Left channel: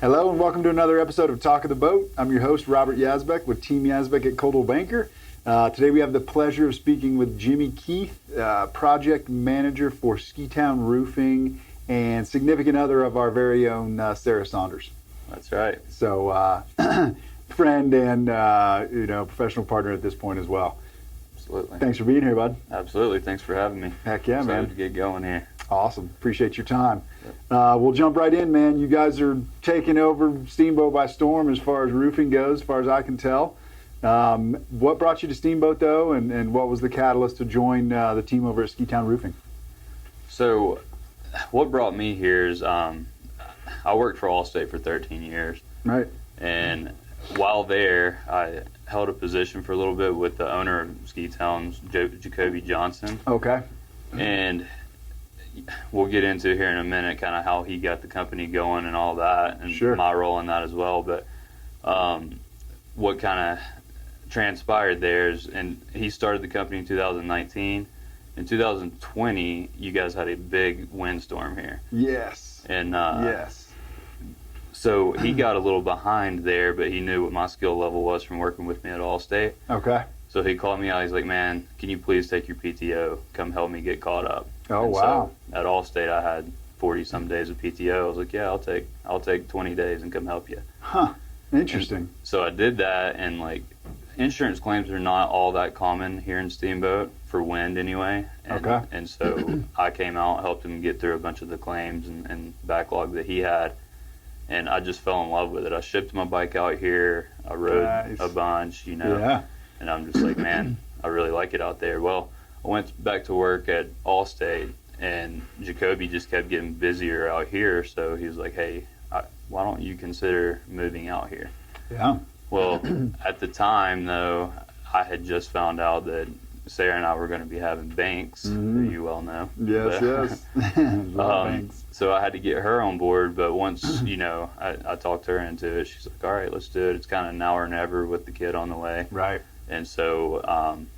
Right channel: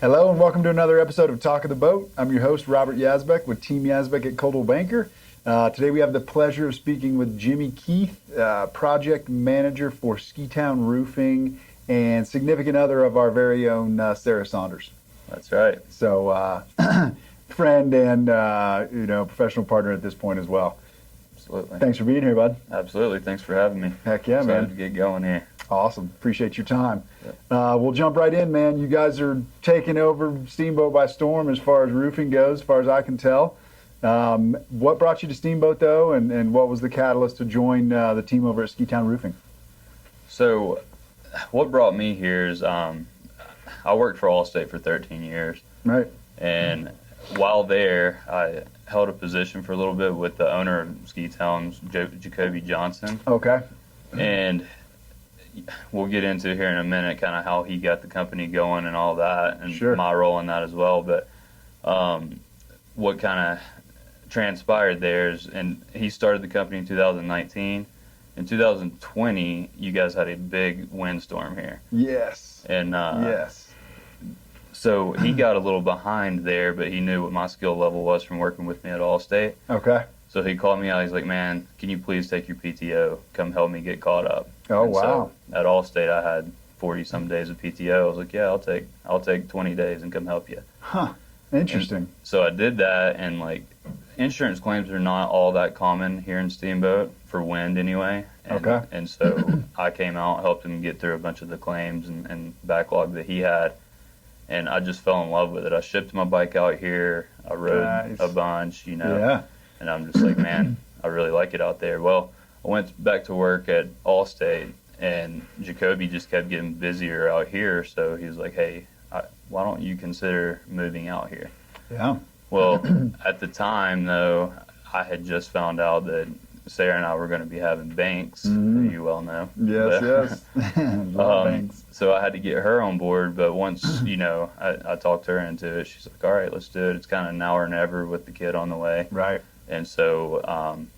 Hello and welcome to another episode of Talk of the Boat. I'm your host, Robert Yazbek with Team Yazbek at Coldwell Banker. Today we have the pleasure of speaking with Jimmy Keith, project manager for Ski-Town Roofing and significant other of our very own Sarah Saunders. That's right. So friend and professional partner at this point as well. Absolutely. Thanks for being here, bud. Absolutely. Thanks for having me. Heck yeah, Excited man. to get going here. Awesome. Appreciate your time. Yep. We'll jump right in, man. You guys are taking over Steamboat by storm as far as roofing goes, as far as I can tell. What brought you to Steamboat, though, and what was the catalyst to join the team over at Ski-Town Roofing? So what brought me here is I worked for Allstate for 13 years. Right. And while there, I held a position for a little bit with the owner of Ski-Town, Jacoby Johnson. Okay. And we'll get into here in a minute kind of how he got the company going and all that, and Sure. my role in that as well. But what kind of transpired there is, and he started the company in 2019. In 2020, you guys had a big windstorm here. Yes. And yes. so he got a little behind there, but he knew what my skill level was from working with me at Allstate. Okay. So he called me out. He's like, "Man, can you please take your PTO? Come help me get caught up." Oh, And wow. So at Allstate, I had 40 some days of PTO. I was like, "Yeah, I'll take 20 days and come help you." Huh. Interesting. And so I did that, and like, insurance claims are not all that common here in Steamboat for wind anyway. And, Okay. And so I came out, helped him get through a bunch of the claims and backlog that he had, and I just fell in love with it. I shipped my bike out here. I rode Nice. a bunch, Yeah. and I'm just like, man, I really like it out there. Well, I went back to work at Allstate, and Jacoby just kept getting busier out here. So he was like, "Hey, why don't you consider moving out here?" Yeah. Well, at the time, though, I had just found out that Sarah and I were going to be having banks, Mhm. that you well know. Yes, But, yes. Thanks. So I had to get her on board, but once, I talked her into it, she's like, "All right, let's do it. It's kind of now or never with the kid on the way." Right. And so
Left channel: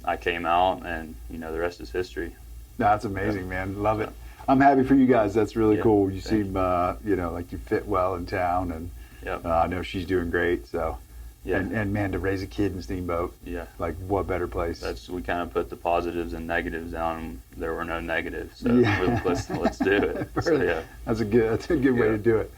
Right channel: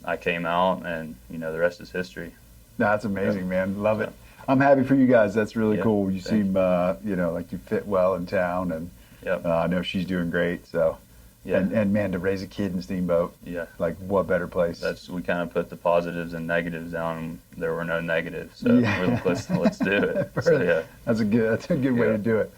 I came out, and, the rest is history. That's amazing, man. Love it. I'm happy for you guys. That's really Yeah, cool. You thank seem, like you fit well in town, and Yep. I know she's doing great. So, Yeah. and man, to raise a kid in Steamboat, Yeah. like what better place? We kind of put the positives and negatives down, and there were no negatives. So Yeah. we're like, let's do it. So, yeah. That's a good way Yeah. to do it.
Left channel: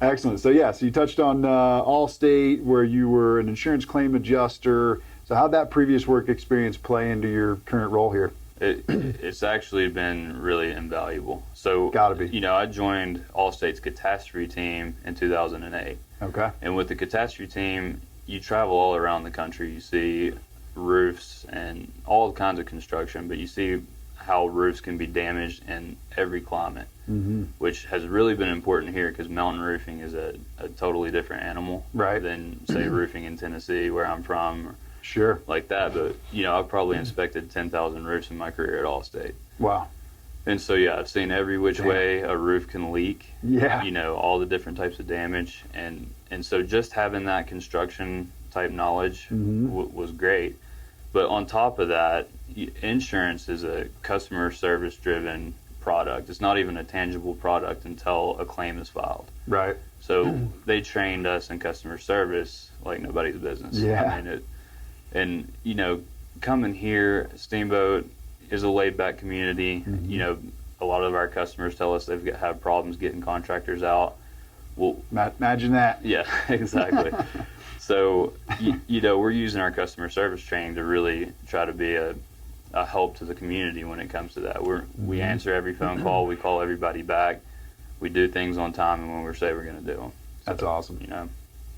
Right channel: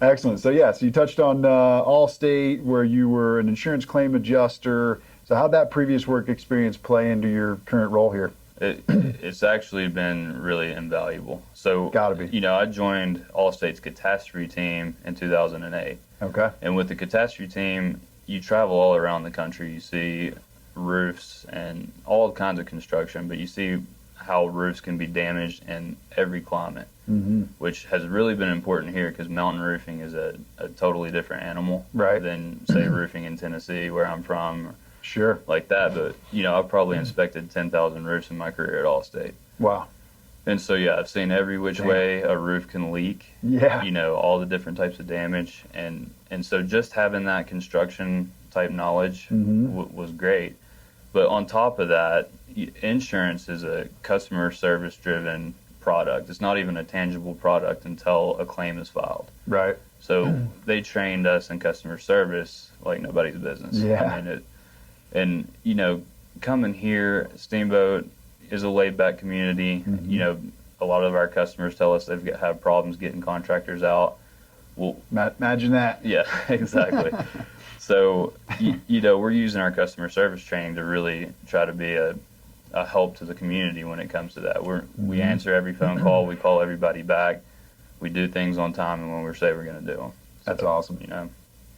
Excellent. So so you touched on Allstate, where you were an insurance claim adjuster. So how'd that previous work experience play into your current role here? It's actually been really invaluable. So, Gotta be. I joined Allstate's catastrophe team in 2008. Okay. And with the catastrophe team, you travel all around the country. You see roofs and all kinds of construction, but you see how roofs can be damaged in every climate, Mm-hmm. which has really been important here because mountain roofing is a totally different animal Right. than, say, roofing in Tennessee, where I'm from, or Sure. like that. But, I've probably inspected 10,000 roofs in my career at Allstate. Wow. And so, I've seen every which Damn. way a roof can leak. Yeah. All the different types of damage. And so just having that construction type knowledge Mhm. was great. But on top of that, insurance is a customer service driven product. It's not even a tangible product until a claim is filed. Right. So they trained us in customer service like nobody's business. Yeah. I mean, coming here, Steamboat is a laid back community. Mhm. A lot of our customers tell us they've have problems getting contractors out. Well, Imagine that. yeah, exactly. So, we're using our customer service training to really try to be a help to the community when it comes to that. We answer every phone call. We call everybody back. We do things on time and when we say we're going to do them. That's awesome. You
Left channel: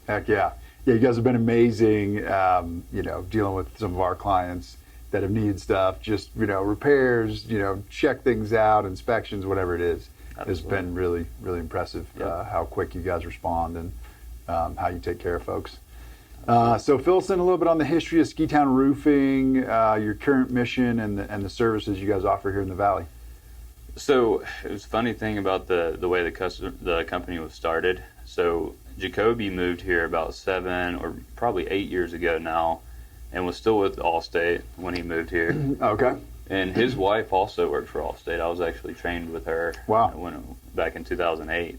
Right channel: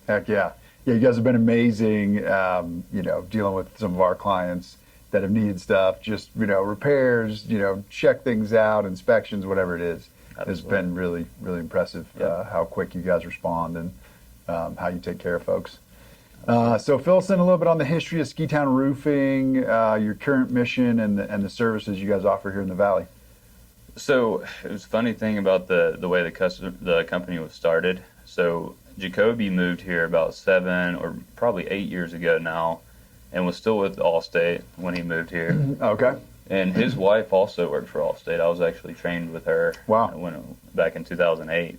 Heck yeah. Yeah, you guys have been amazing, dealing with some of our clients that have needed stuff, just, repairs, check things out, inspections, whatever it is. It's Absolutely. been really, really impressive Yep. how quick you guys respond and how you take care of folks. So fill us in a little bit on the history of Ski-Town Roofing, your current mission, and the services you guys offer here in the Valley. So it was a funny thing about the way the company was started. So Jacoby moved here about 7 or probably 8 years ago now, and was still with Allstate when he moved here. Okay. And his wife also worked for Allstate. I was actually trained with her Wow. back in 2008.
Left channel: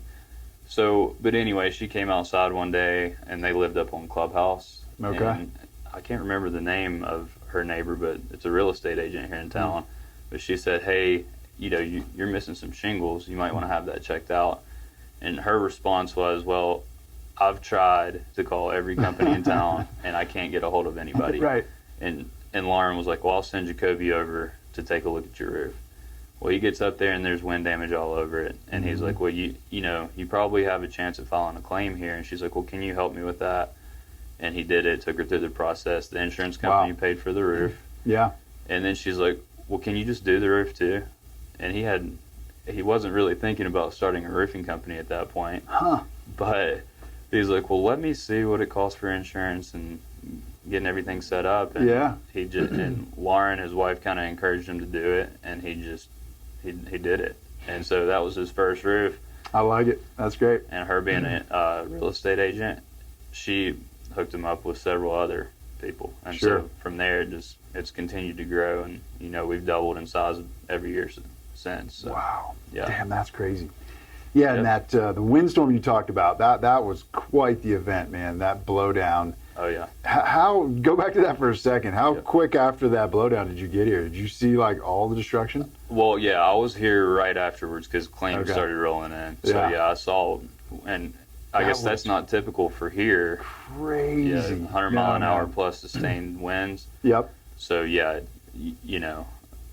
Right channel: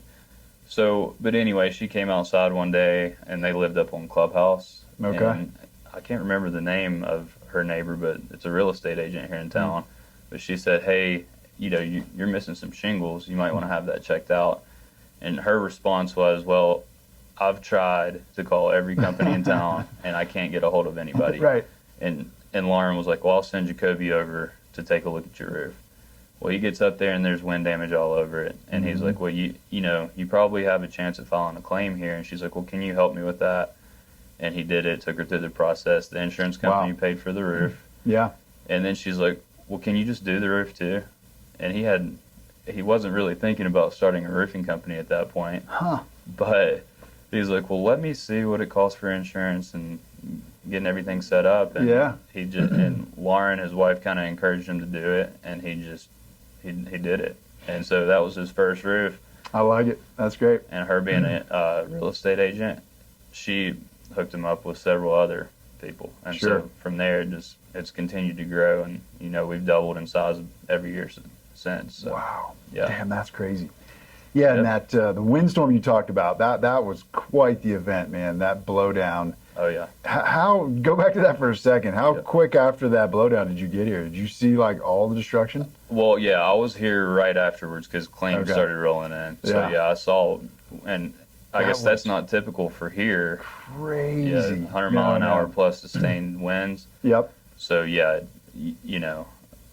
But anyway, she came outside one day, and they lived up on Clubhouse. Okay. And I can't remember the name of her neighbor, but it's a real estate agent here in town. But she said, hey, you're missing some shingles. You might want to have that checked out. And her response was, well, I've tried to call every company in town, and I can't get a hold of anybody. Right. And Lauren was like, well, I'll send Jacoby over to take a look at your roof. Well, he gets up there, and there's wind damage all over it. And he's like, well, you probably have a chance of filing a claim here. And she's like, well, can you help me with that? And he did it, took her through the process. The insurance company paid for the roof. Yeah. And then she's like, well, can you just do the roof too? And he wasn't really thinking about starting a roofing company at that point. Huh. But he's like, well, let me see what it costs for insurance and getting everything set up. And and Lauren, his wife, kind of encouraged him to do it, and he did it. And so that was his first roof. I like it. That's great. And her being a real estate agent, she hooked him up with several other people. And so from there, it's continued to grow, and we've doubled in size every year since. So, wow. Yeah. Damn, that's crazy. Yeah, and that the windstorm you talked about, that was quite the event, man. That blowdown. Oh yeah. Go back to that for a second. How quick after that blowdown did you get here? Did you see like all the destruction? Well, yeah, I was here right afterwards because claims started rolling in. So I saw, and I guess that's not typical for here. Crazy. Yeah, 100 mile an hour plus sustained winds. Yep. So yeah,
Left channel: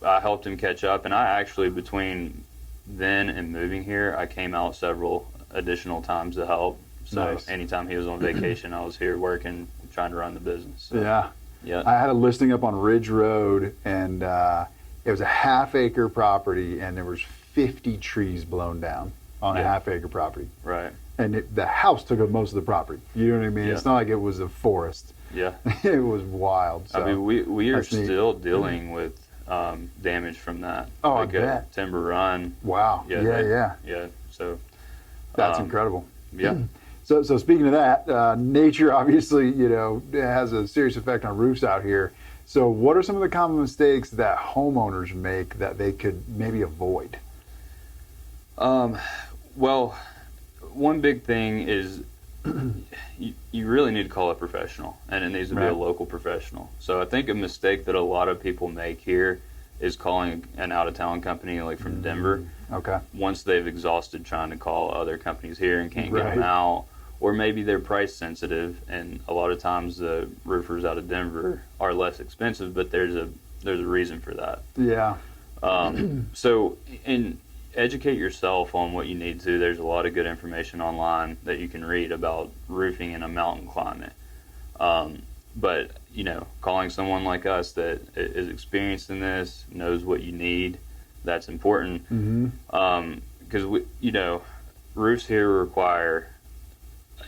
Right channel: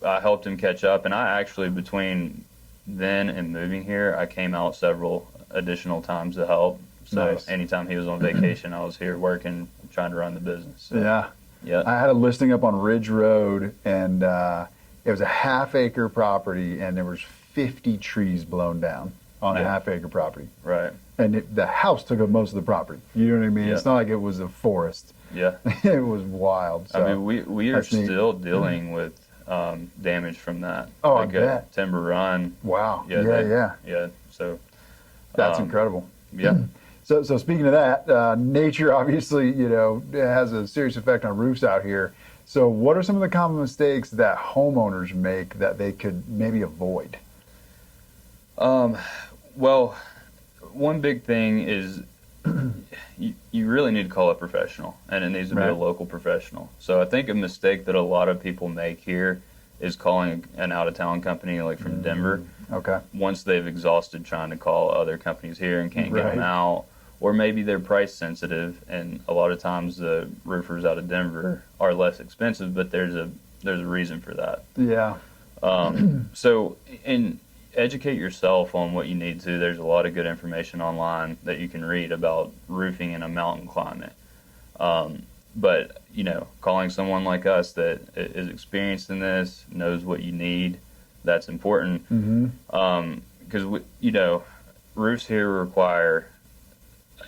I helped him catch up, and I actually, between then and moving here, I came out several additional times to help. So anytime he was on vacation, I was here working, trying to run the business. So, yeah. I had a listing up on Ridge Road, and it was a half-acre property, and there was 50 trees blown down on a half-acre property. Right. And the house took up most of the property. You know what I mean? Yeah. It's not like it was a forest. Yeah. It was wild. So, I mean, we are still dealing with damage from that. Oh, like I bet. Timber Run. Wow. Yeah. So that's incredible. Yeah. So speaking of that, nature obviously, has a serious effect on roofs out here. So what are some of the common mistakes that homeowners make that they could maybe avoid? Well, one big thing is you really need to call a professional, and it needs to be a local professional. So I think a mistake that a lot of people make here is calling an out-of-town company like from Denver. Okay. Once they've exhausted trying to call other companies here and can't get them out, or maybe they're price sensitive, and a lot of times the roofers out of Denver are less expensive, but there's a reason for that. Yeah. So educate yourself on what you need to. There's a lot of good information online that you can read about roofing in a mountain climate. But calling someone like us that is experienced in this, knows what you need, that's important. Because roofs here require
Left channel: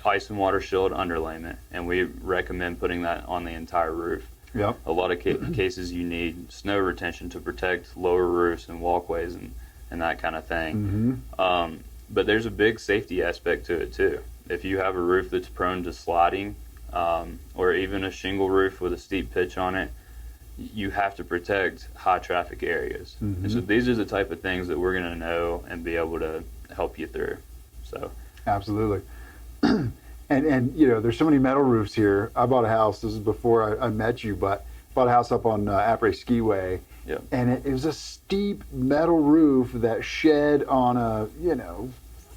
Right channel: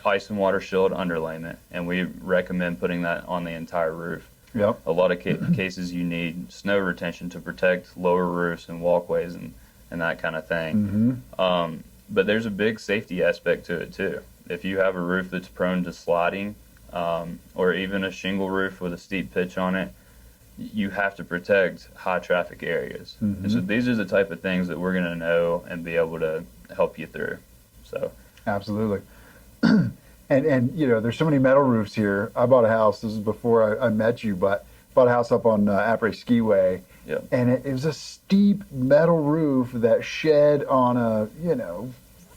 ice and water shield underlayment, and we recommend putting that on the entire roof. Yep. A lot of cases you need snow retention to protect lower roofs and walkways and that kind of thing. But there's a big safety aspect to it too. If you have a roof that's prone to sliding, or even a shingle roof with a steep pitch on it, you have to protect high traffic areas. And so these are the type of things that we're going to know and be able to help you through. So absolutely. And there's so many metal roofs here. I bought a house, this is before I met you, but bought a house up on Apres Skiway. Yep. And it was a steep metal roof that shed on a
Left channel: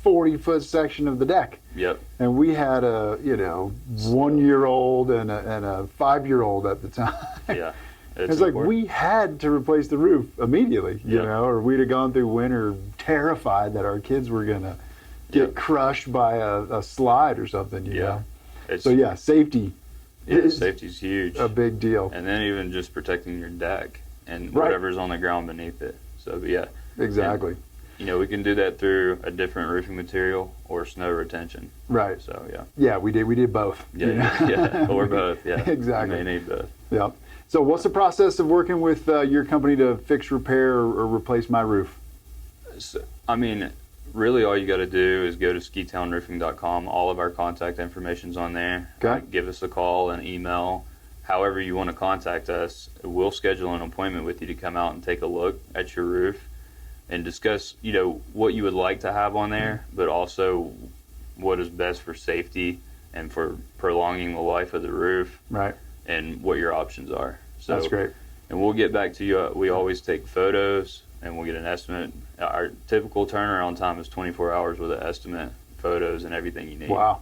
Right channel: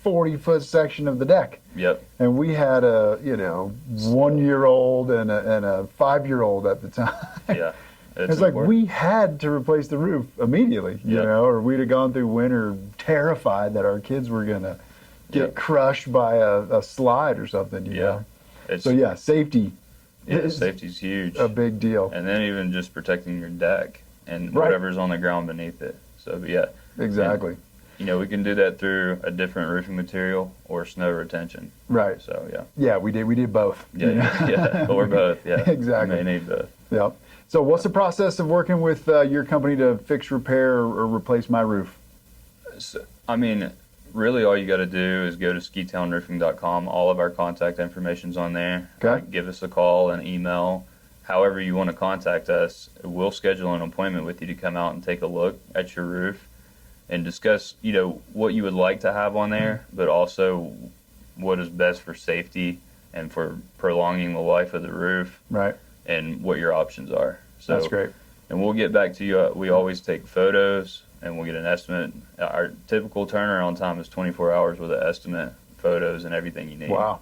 40-foot section of the deck. Yep. And we had a 1-year-old and a 5-year-old at the time. Yeah. It's like we had to replace the roof immediately, or we'd have gone through winter terrified that our kids were gonna get crushed by a slide or something. You know. So safety. Safety's huge. A big deal. And then even just protecting your deck and whatever's on the ground beneath it. So exactly. And, we can do that through a different roofing material or snow retention. Right. So we did both. Or both. Yeah. Exactly. You may need both. Yep. So what's the process of working with your company to fix, repair, or replace my roof? So, really all you got to do is go to skitownroofing.com. All of our contact information's on there. Okay. Give us a call, an email, however you want to contact us. We'll schedule an appointment with you to come out and take a look at your roof and discuss, what you would like to have on there, but also what is best for safety and for prolonging the life of the roof, Right. and what your options are. So That's great. And we'll get back to you. We always take photos and we'll get an estimate. Our typical turnaround time is 24 hours with an estimate, photos, and everything you need. Wow.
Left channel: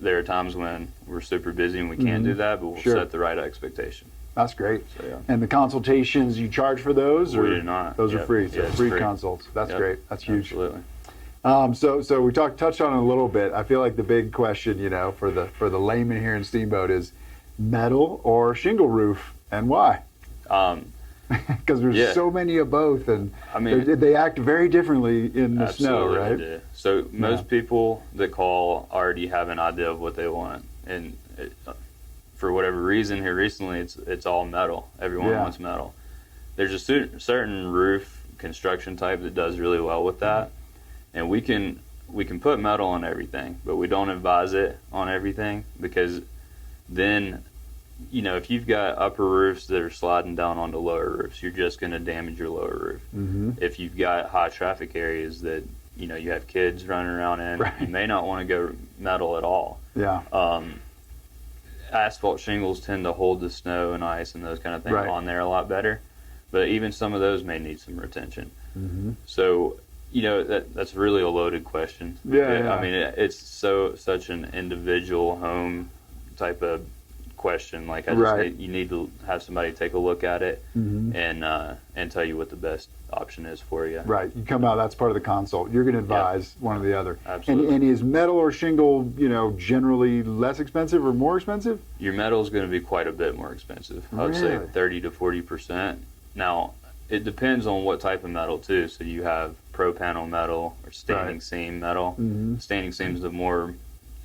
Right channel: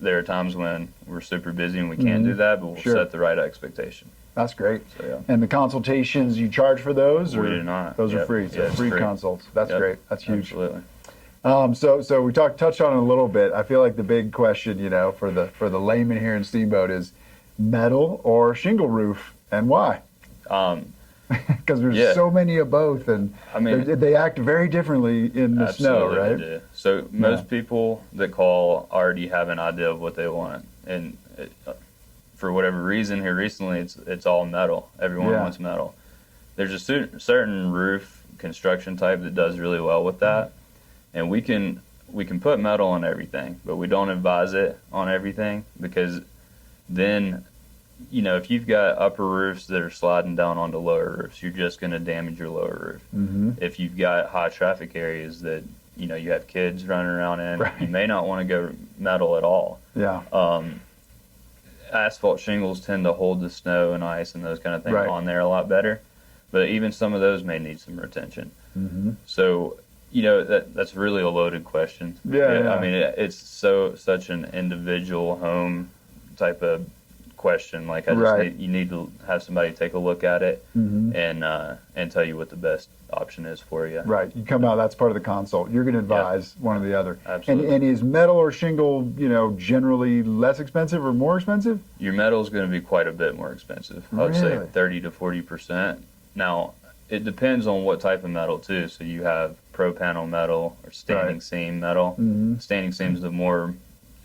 There are times when we're super busy and we can't do that, but we'll Sure. set the right expectation. That's great. So, yeah. And the consultations, you charge for those? We Or do not. Those are Yep. free. So Yeah, it's free free. consults. That's Yep. great. That's huge. Absolutely. So we touched on it a little bit. I feel like the big question, for the layman here in Steamboat is metal or shingle roof, and why? Because there's Yeah. so many of both, and I mean, they act very differently in the snow, absolutely right? they do. So most people that call already have an idea of what they want, and for whatever reason here recently, it's all metal. Everyone Yeah. wants metal. There's a certain roof construction type that does really well with that, and we can put metal on everything, but we don't advise it on everything, because then, if you've got upper roofs that are sliding down onto lower roofs, you're just going to damage your lower roof. Mm-hmm. If you've got high traffic areas that you have kids running around in, Right. you may not want to go metal at all. Yeah. Asphalt shingles tend to hold the snow and ice and those kind of things Right. on there a lot better, but even some of those may need some retention. Mm-hmm. So that's really a loaded question. Yeah. I mean, it's such an individual home type of question. Like, Right. you need to have somebody take a look at it Mm-hmm. and tell you what the best option is for you. Right. You come out. That's part of the consult. You're going to advise one or the other. Absolutely. And is metal or shingle, generally less expensive or more expensive? Your metal is going to be quite a bit more expensive. I would say Really? 30 to 40%. Now, it depends on what type of metal too. So you have pro panel metal or standing Right. seam metal. Mm-hmm. Standing seam is the more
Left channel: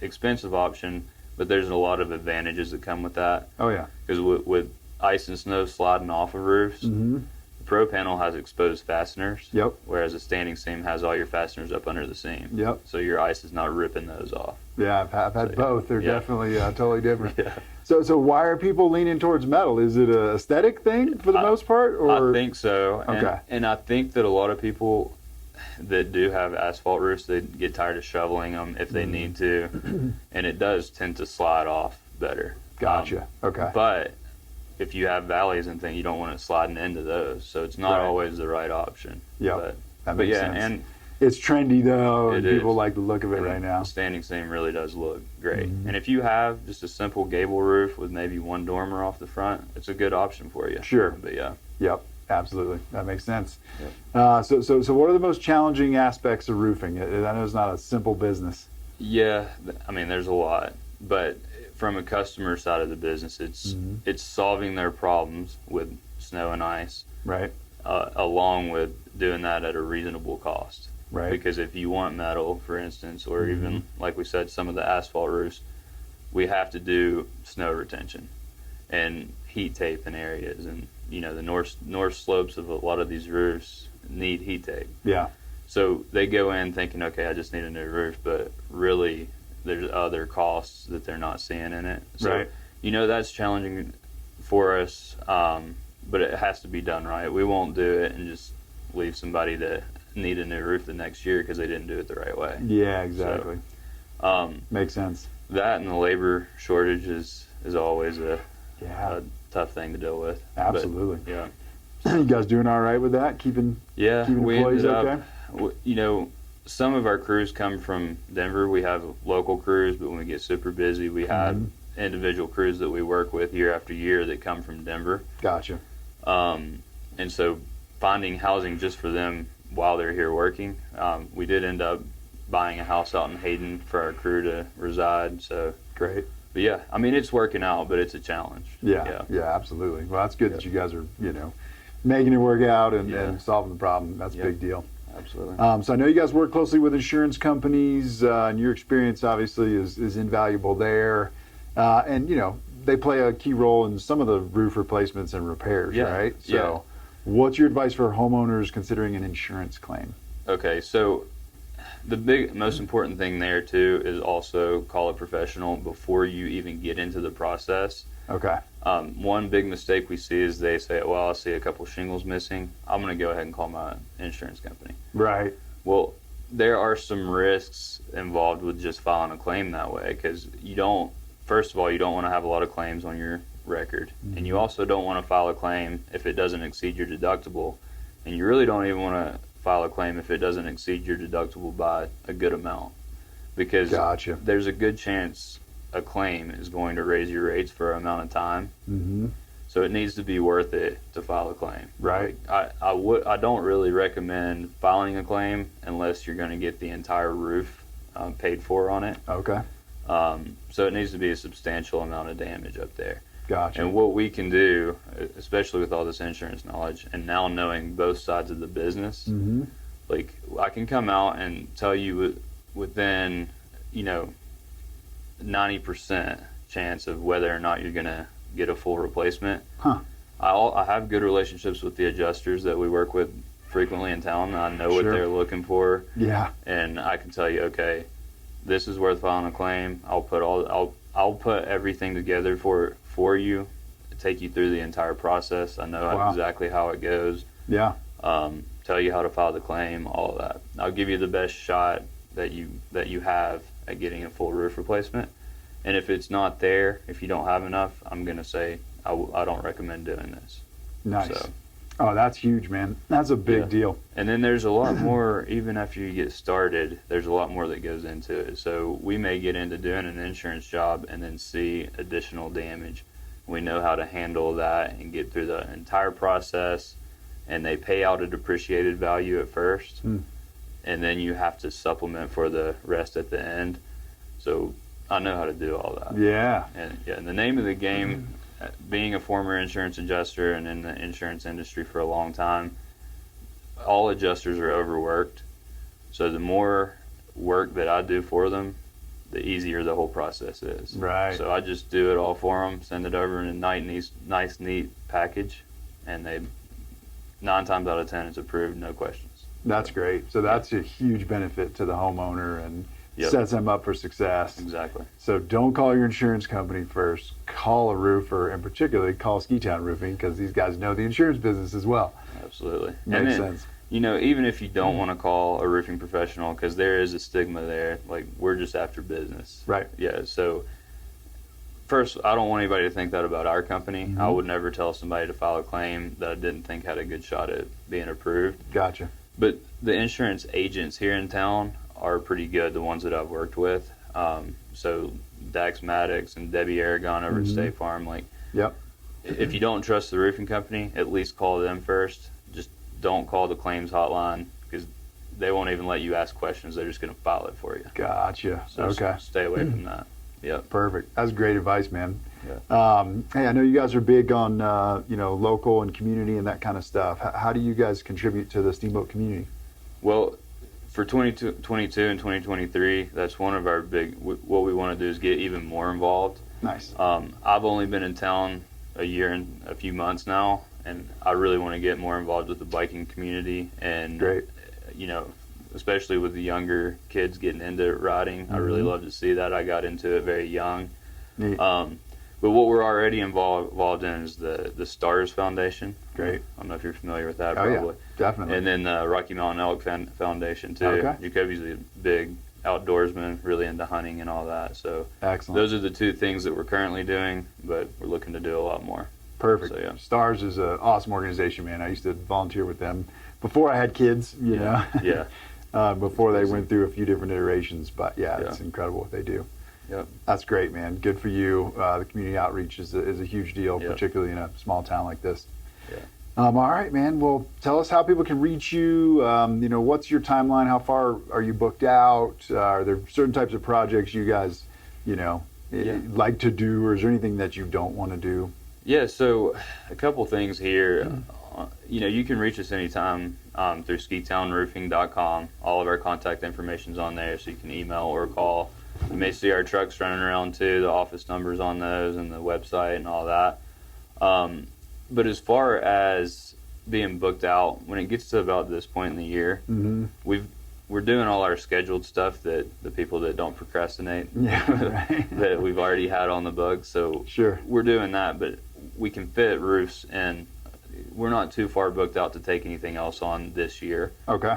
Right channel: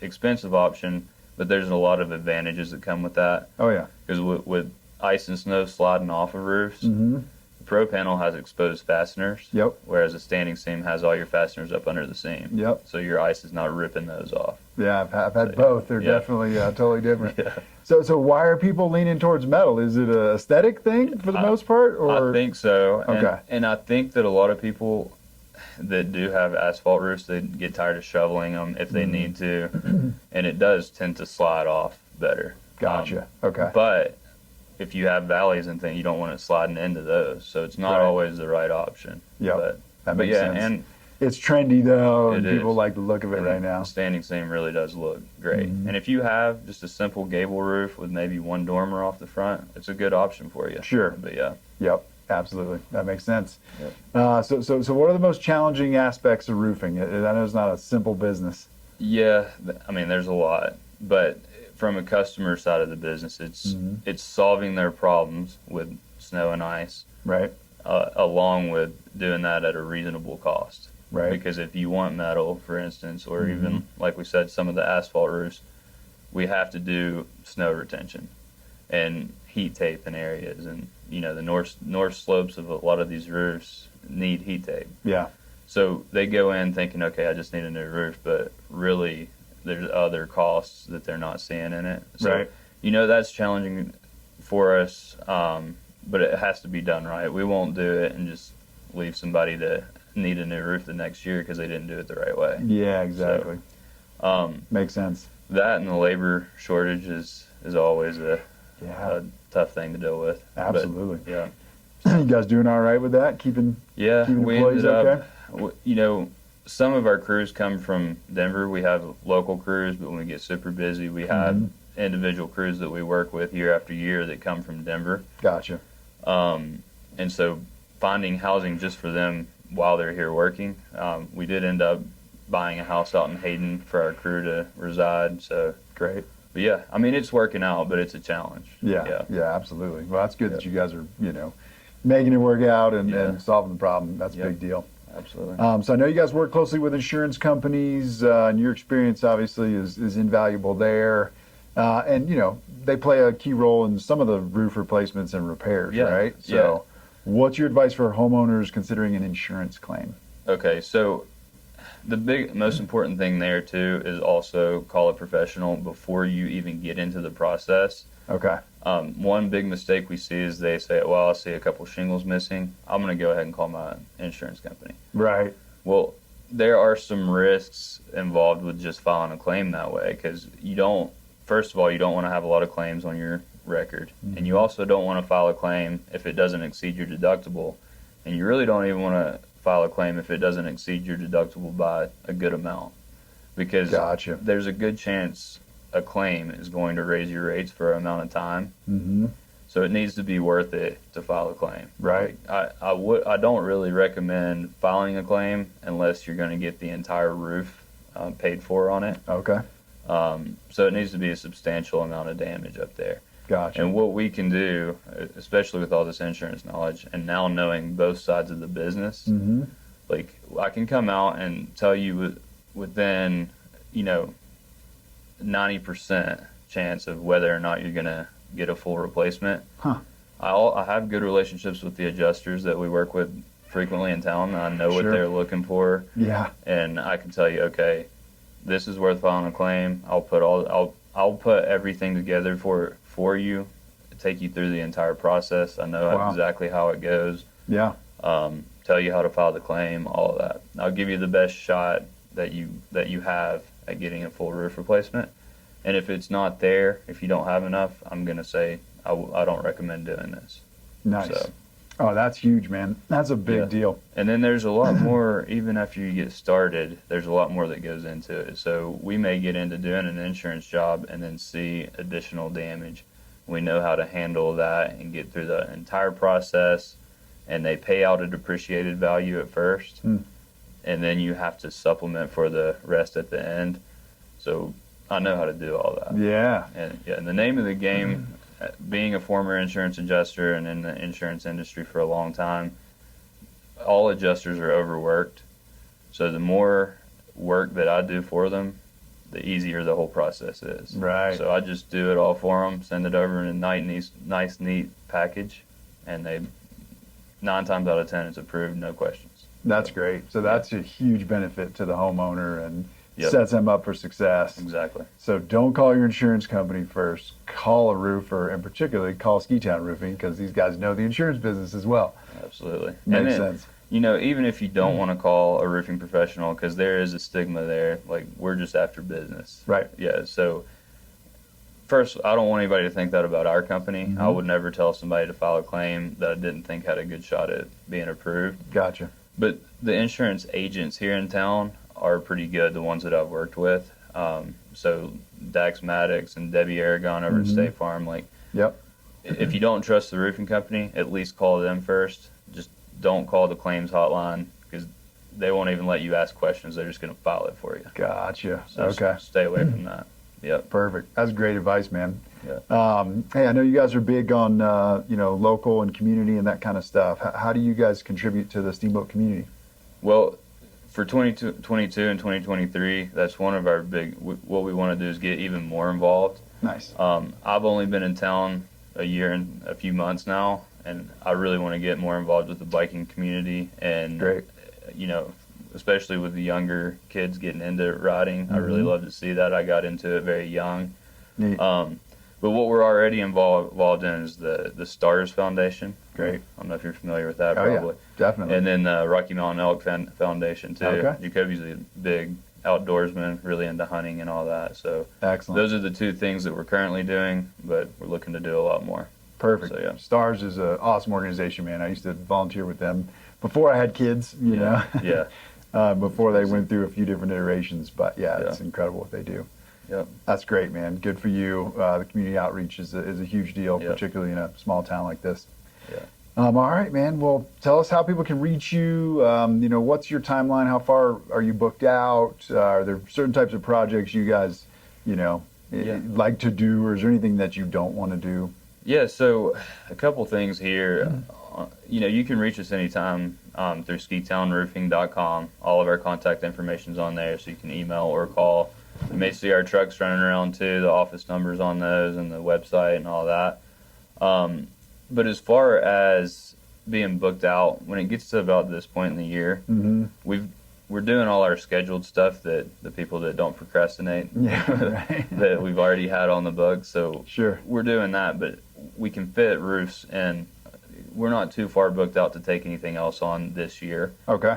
expensive option, but there's a lot of advantages that come with that. Oh yeah. Because with ice and snow sliding off of roofs, Mm-hmm. the pro panel has exposed fasteners, Yep. whereas a standing seam has all your fasteners up under the seam. Yep. So your ice is not ripping those off. Yeah, I've had So, both. They're yeah. definitely totally different. Yeah. So why are people leaning towards metal? Is it a aesthetic thing for the most part, or I think so. Okay. And I think that a lot of people that do have asphalt roofs, they get tired of shoveling them if they need to, and it does tend to slide off better. Gotcha. Okay. But if you have valleys and things, you don't want it sliding into those, so it's not Right. always the right option. Yep. But That but makes yeah, sense. and It's trendy though, and It people is. like the look of it right now. standing seam really does look great. Mhm. And if you have just a simple gable roof with maybe one dormer off the front, it's a good option for you. Sure. But yeah. Yep. Absolutely. That makes sense. Yep. So what are the most challenging aspects of roofing? I know it's not a simple business. Yeah, I mean, there's a lot, but from a customer side of the business, Mhm. it's solving their problems with snow and ice, Right. along with doing that at a reasonable cost. Right. Because if you want metal, for instance, or Mhm. even like we said, some of the asphalt roofs, we have to do snow retention and heat tape in areas, and the north slopes of a lot of these roofs need heat tape. Yeah. So they go in thinking, okay, I just need a new roof, but really there's other costs that they're not seeing in it. So, Right. that's challenging for us, but it has to be done right. We won't do it and just leave somebody to need a new roof the next year because they didn't do it the right way. Yeah. Exactly. Makes sense. That and the labor shortage is always a Yeah. tough thing to deal with. But, Absolutely. yeah. You guys doing all right with that? Keeping Yeah, Keeping we employees ended okay? up, some of our crews come from Denver. We have local crews, but when we get super busy, we have Mhm. individual crews that we work with year after year that come from Denver. Gotcha. And so finding housing just for them while they're here working, we did end up buying a house out in Hayden for our crew to reside. So, Great. but yeah, I mean, it's working out, but it's a challenge. Yeah. Yeah. Absolutely. Well, that's good that Yep. you guys are making it work out and Yeah. solving the problem. That's a Yep. big deal. Absolutely. So I know you guys work closely with insurance companies, and your experience obviously is invaluable there. And they play a key role in some of the roof replacements and repairs, Yeah, right? yeah. So, what's your advice for homeowners considering an insurance claim? Okay, so the most important thing there too is also call a professional before you even get into the process. Okay. One big mistake we see is they say, well, I see a couple shingles missing. I'm going to go ahead and call my insurance company. Right. Well, there are some risks involved with just filing a claim that way, because first of all, you don't want to have a lot of claims on your record. Mm-hmm. And you also don't want to file a claim if it doesn't exceed your deductible. And you really don't even want to file a claim if it doesn't exceed your deductible by a good amount. Because Gotcha. there's a good chance a claim is going to raise your rates for an amount of time. Mm-hmm. So it needs to be worth it to file a claim. Right. Like, I don't really recommend filing a claim unless you're going to get the entire roof paid for on it. Okay. So it needs to be a substantial amount of damage up there. Gotcha. And what we can do, especially with all this insurance knowledge and now knowing both sides of the business, Mm-hmm. like I can come out and tell you within, 90% chance of whether or not you're going to get a full replacement. Huh. I have good relationships with the adjusters that we work with frequently in town. I know what Sure. they're looking for, Yeah. and I can tell you, okay, this is worth filing a claim. I'll put everything together for you, take you through the entire process. I know Wow. exactly how it goes. Yeah. Tell you how to file the claim, all of that. I'll give you the best shot that you have at getting a full roof replacement. And if it's not there, if you don't have enough, I'm gonna say I don't recommend doing this. Nice. So, Oh, that's huge, man. That's a big Yeah. deal. and then there's a lot more, even after you get started, there's a lot more that goes into it. So we may get into doing an insurance job and then see additional damage. We know how to handle that and get through the entire process, and they pay out a depreciated value at first, Hmm. and then you have to supplement for the rest at the end. So I know how to do all that. Yeah. And the name of the game, being a former insurance adjuster and in the insurance industry for a long time, all adjusters are overworked. So the more work that I do for them, the easier the whole process is. Right. So I just do it all for them, send it over in a nice, neat package, and 9 times out of 10 it's approved, no questions. That's great. So that's a huge benefit to the homeowner and Yep. sets them up for success. Exactly. So don't call your insurance company first. Call a roofer, and particularly call Ski Town Roofing, because these guys know the insurance business as well. Absolutely. Makes And then, sense. even if you don't want to call a roofing professional, because there is a stigma there, like we're just after business. Right. Yeah. So first, I don't want anybody to think that about our company. Mm-hmm. I would never tell somebody to file a claim that I didn't think had a good shot at being approved. Gotcha. But the insurance agents here in town are pretty good, the ones that I've worked with. So Dax Maddox and Debbie Aragon over Mhm. at State Farm, like Yep. if you don't trust the roofing company, at least call them first. Just don't call the claims hotline, because they won't even let you ask questions. They're just going to file it for you. Gotcha. So Okay. stay away from that. Yep. Perfect. That's great advice, man. Yeah. Hey, I know you guys are big on local and community and that kind of stuff. How do you guys contribute to the Steamboat community? Well, for 2022 and 2023, that's one of our what we want to do is get even more involved. Nice. I've only been in town a year and a few months now, and I really want to get more involved with the biking community, and Great. Especially with the younger kids getting into riding. I really Mhm. love to see that. I got into it very young. Neat. But what we're already involved in is the Stars Foundation. Great. I don't know if you're familiar with that, Oh, yeah. probably. Definitely. And then the Rocky Mountain Elk Foundation, too. Okay. Jacoby's a big outdoorsman, really into hunting and all that. So Excellent. those are the 2 things that we're currently doing, but we're looking to do a lot more. Perfect. So, yeah. Stars is an awesome organization, man. I used to volunteer with them before I had kids, you know, Yeah. before they went through a few different iterations. But yeah, it's Yeah. incredible what they do. Yep. That's great, man. Good for you. The community outreach is a huge deal, Yep. particularly in a small town like this. Yeah. All right, man. Well, tell us how people can reach you. What's your timeline? How far are you booked out? Are there certain types of projects you guys, Yeah. like to do, or is there anything that you don't want to do? Yeah, so a couple things here. You can reach us anytime through skitownroofing.com. All of our contact information's on there, so you can email or call. You may see our trucks running around too, the office numbers on those, and the website and all that. But as far as being booked out, when it gets to about this point in the year, Mm-hmm. we're doing all our scheduled stuff that the people that don't procrastinate Yeah, right. that we've already had on the books. So Sure. we're doing that, but we can fit roofs in. We're not too far booked out to take anything else on this year. Okay.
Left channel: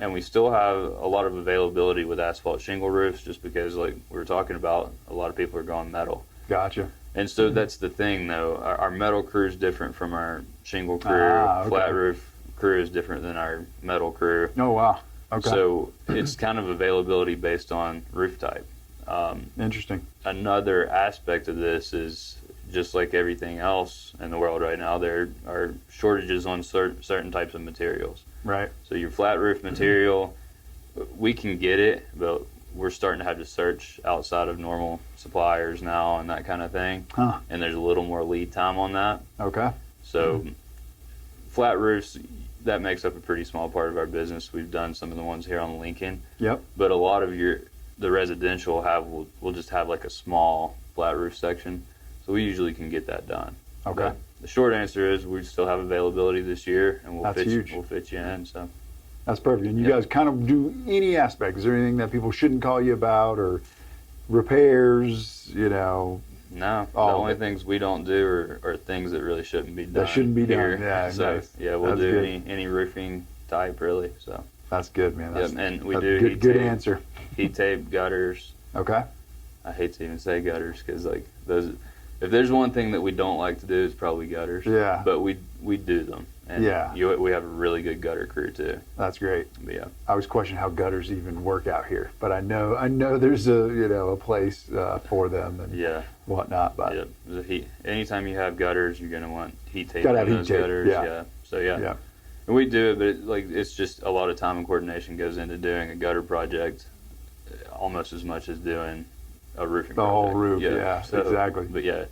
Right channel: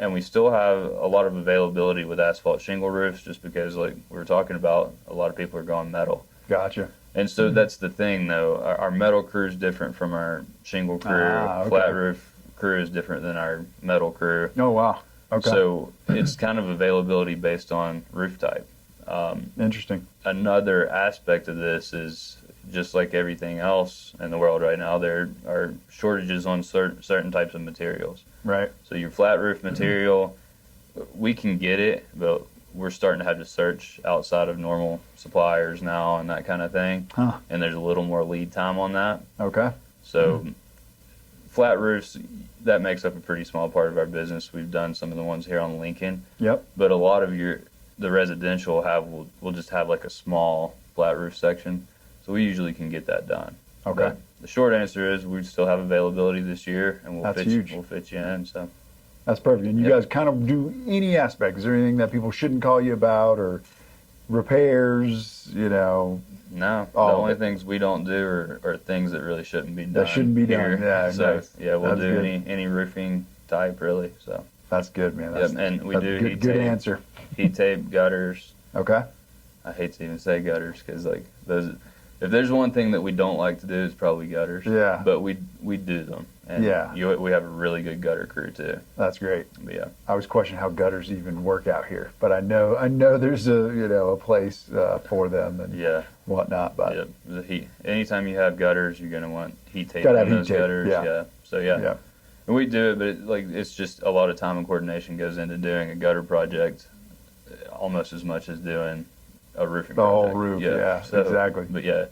and we still have a lot of availability with asphalt shingle roofs, just because, like we were talking about, a lot of people are going metal. Gotcha. And so that's the thing, though. Our metal crew is different from our shingle crew. Okay. Flat roof crew is different than our metal crew. Oh, wow. Okay. So it's kind of availability based on roof type. Interesting. Another aspect of this is, just like everything else in the world right now, there are shortages on certain types of materials. Right. So your flat roof material, we can get it, but we're starting to have to search outside of normal suppliers now and that kind of thing. Huh. And there's a little more lead time on that. Okay. So flat roofs, that makes up a pretty small part of our business. We've done some of the ones here on Lincoln. Yep. But a lot of the residential will just have like a small flat roof section. So we usually can get that done. Okay. But the short answer is we still have availability this year, and That's huge. We'll fit you in. So That's perfect. And you guys kind of do any aspect. Is there anything that people shouldn't call you about, or repairs, no, the all only of it. things we don't do are things that really shouldn't be done. That shouldn't be here. done. Yeah, So nice. yeah, we'll That's do good. any roofing type really. So That's good, man. That's, and we that's do good, heat good tape, answer. heat tape, gutters. Okay. I hate to even say gutters because like those. If there's one thing that we don't like to do, it's probably gutters. Yeah. But we do them. And Yeah. we have a really good gutter crew too. That's great. But yeah. I always question how gutters even work out here, but I know there's a place for them and Yeah. whatnot. But Yeah. The heat. Anytime you have gutters, you're gonna want heat tape Gotta on have those heat tape, gutters. yeah. So yeah. yeah, And we do it, but it's just a lot of time and coordination goes into doing a gutter project, almost as much as doing a roofing the project. whole roof. Yeah, exactly. But yeah,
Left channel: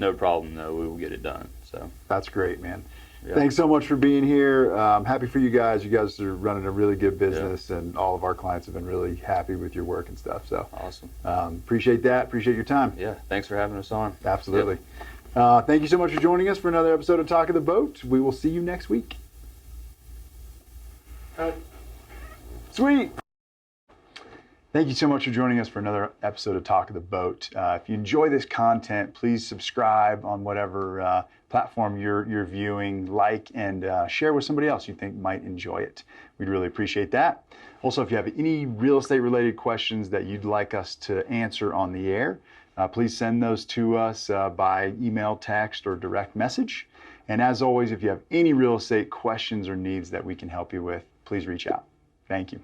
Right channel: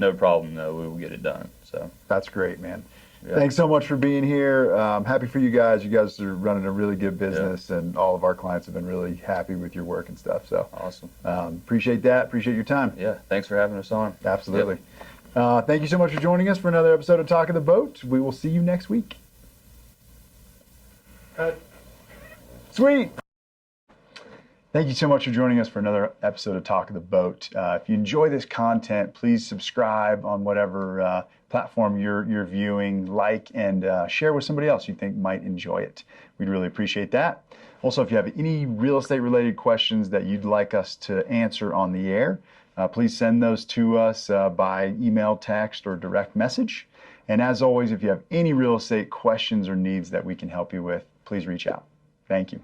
no problem though. We will get it done. So That's great, man. yeah. Thanks so much for being here. Happy for you guys. You guys are running a really good business, and all of our clients have been really happy with your work and stuff. So Awesome. appreciate that. Appreciate your time. Yeah. Thanks for having us on. Absolutely. Thank you so much for joining us for another episode of Talk of the Boat. We will see you next week. Sweet. Thank you so much for joining us for another episode of Talk of the Boat. If you enjoy this content, please subscribe on whatever platform you're viewing, like, and share with somebody else you think might enjoy it. We'd really appreciate that. Also, if you have any real estate related questions that you'd like us to answer on the air, please send those to us by email, text, or direct message. And as always, if you have any real estate questions or needs that we can help you with, please reach out. Thank you.